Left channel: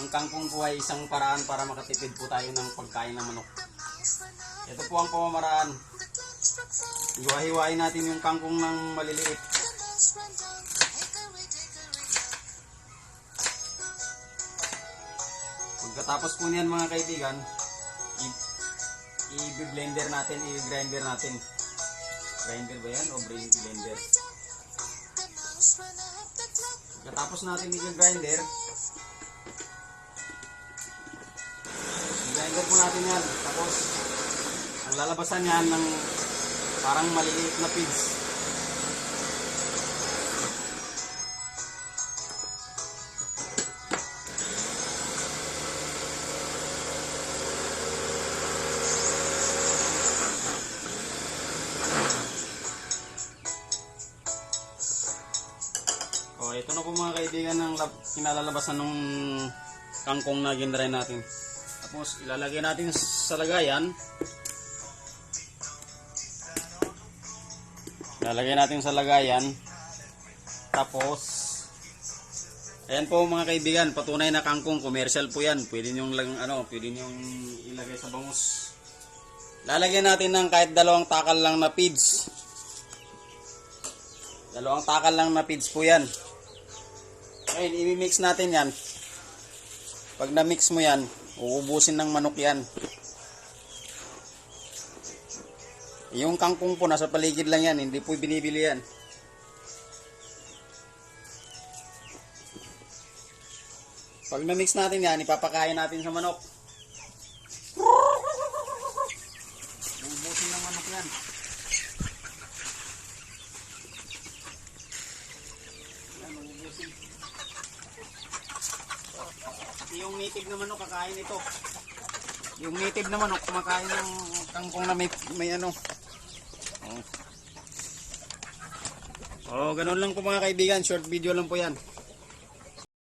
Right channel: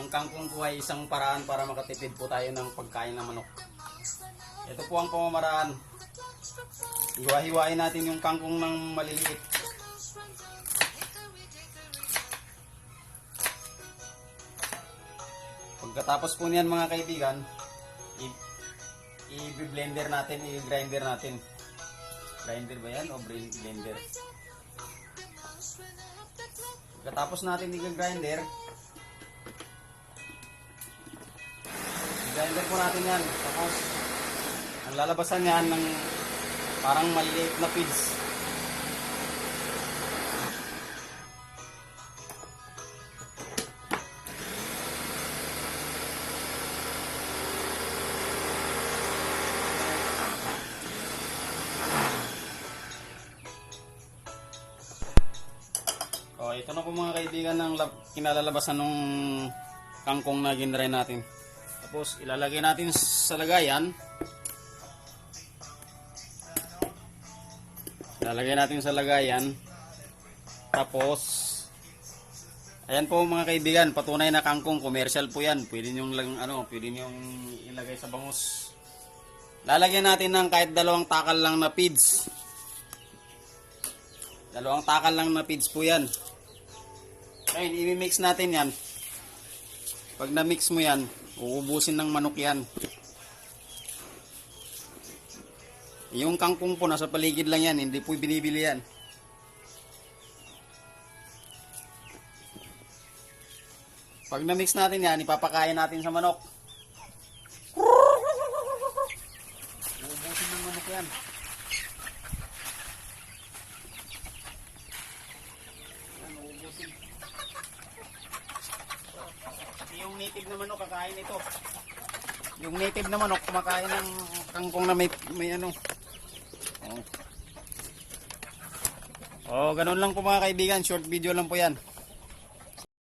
Ang kangkong po ay isang paraan para makatipid po tayo ng pagkain ng manok. Ito po ang pamamaraan. Hiwa-hiwain natin yung kangkong ng maliliit. Pagkatapos po niyan mga kaibigan, i-blender natin, i-grinder natin. Grinder ba yan o blender? Pagkatapos natin i-grinder, i-grinder po natin yan. Tapos, ang lalabasan yan ng parang maliliit na pids. O, ito na po mga kaibigan ng kinalalabasan ng kangkong na ginray natin. Tapos, ilalagay natin sa lagayan. Ilalagay natin sa lagayan. Tapos, ayan po mga kaibigan, patunay na kangkong, commercial po yan. Pwede nyo ilagay sa bangus. Lalagyan natin ng kahit 2 takal lang na pids. 2 takal lang na pids po yan. Ngayon, i-mix natin yan. Pag na-mix mo yan, uubusin ng manok yan. Yung kangkong po, nasa paligid lang yan. Hindi po binibili yan. Pag na-mix natin yan, ipapakain natin sa manok. Uubusin ng manok yan. Yung native na manok kakain ito. Yung native na manok kumakain ng kangkong na may ano. Oh, ganun lang po mga kaibigan, short video lang po yan.